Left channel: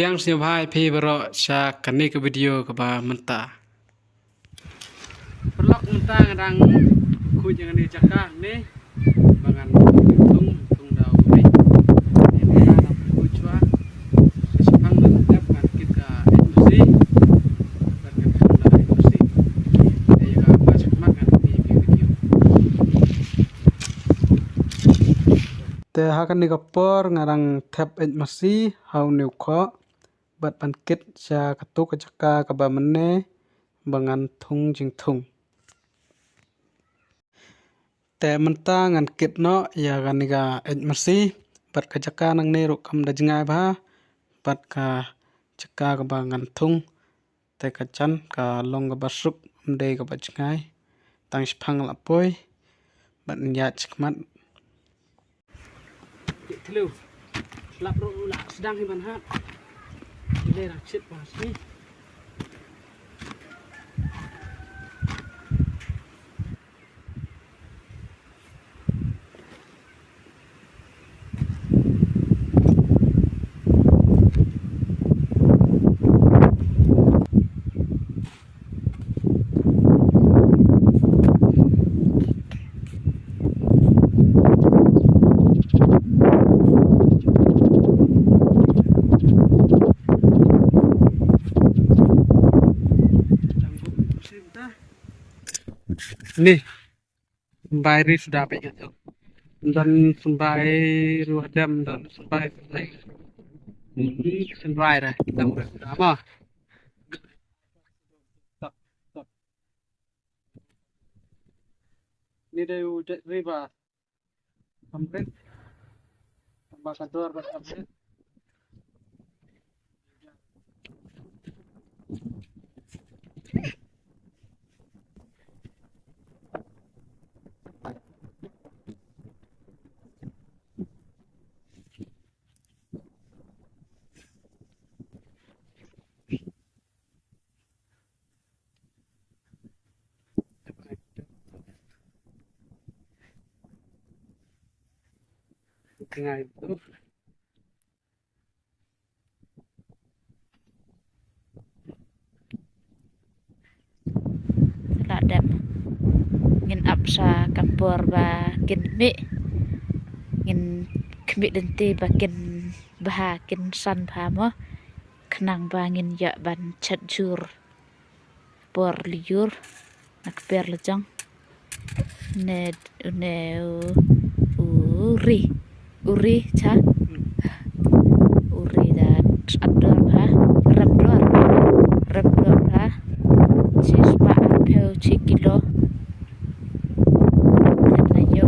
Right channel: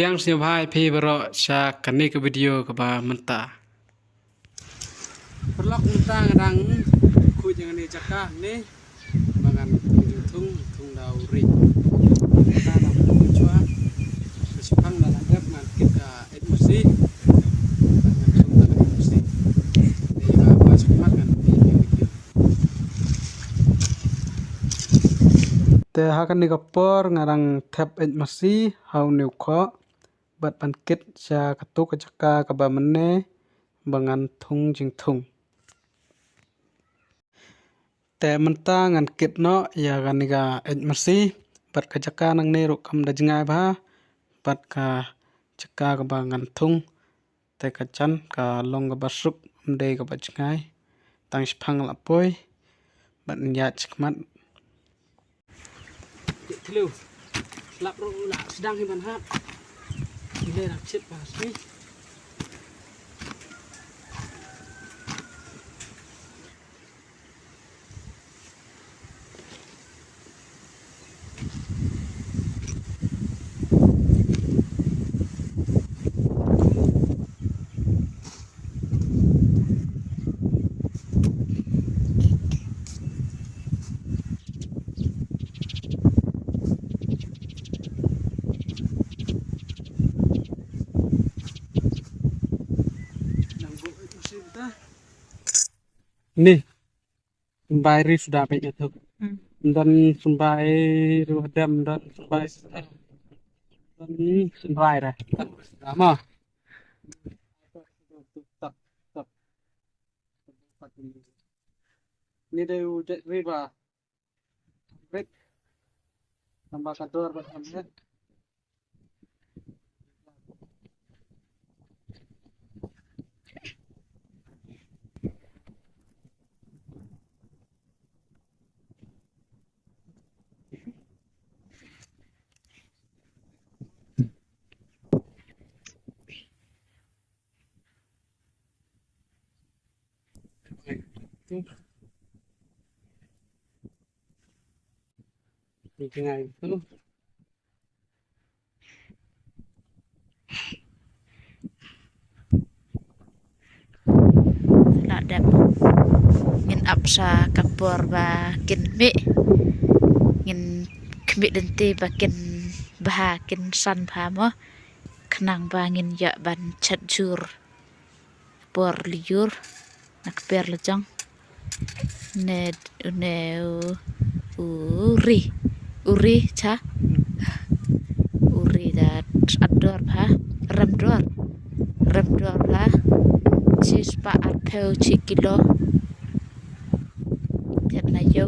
Sedang siapa pi baro sya kani ke video ke ba menta. Perlok menta ngadang ku jangan ni cakah ni bangan tung dau ri. Ni menta nak ku cua. Besipang nak dap ngan kita mesti bangan sudah mesti. Dia ga baca makan di video. Te hakan ni kapor ngarang tab mesti hau new kho bat pankit sya katuk kacaka ka ba mene bangan thung jing thung te menta ngan kit no ya ganiga mesti bat kacaka nang ne ro kam da jingai ba bat ka chaka ka bangan thung te kachan ka long ka basuk de ka ba jingai tang phang la poi bat nya chkmat Hello. Lap ro la sedang hiban hat. Ile rak chit pas ni. Nih Sumbai ri sudah banyak tuh dan Sumbai ruadam dan Sumbai ini Sumbai dah kita sudah mah ini dia udah riba sampai tambah kantor sampai Ngay itu Ladap ngin apsa kapor ba kin mi ngin kmi denti ba kin bah kin san pha mo khnang ba ngin ya ban chat jur por liur nak per lejang ne uri cha uri da ador pha ramdor pha Sispa atheu chikilo Janna yo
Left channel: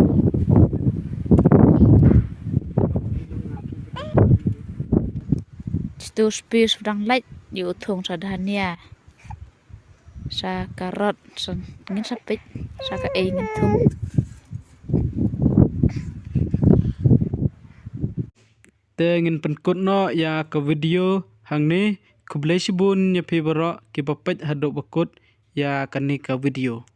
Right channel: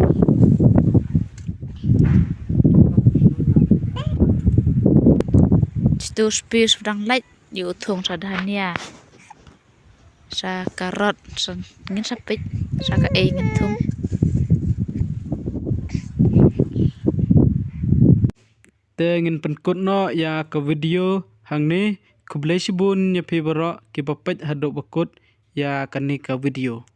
Stu spis dang lait yu thung sadhania sa karot san ngin sapit sa ka e ngin thung te ngin penkut no ya ke video hang ni kublai sibun nya pi baro ki papet hadok bakut ya kani ka video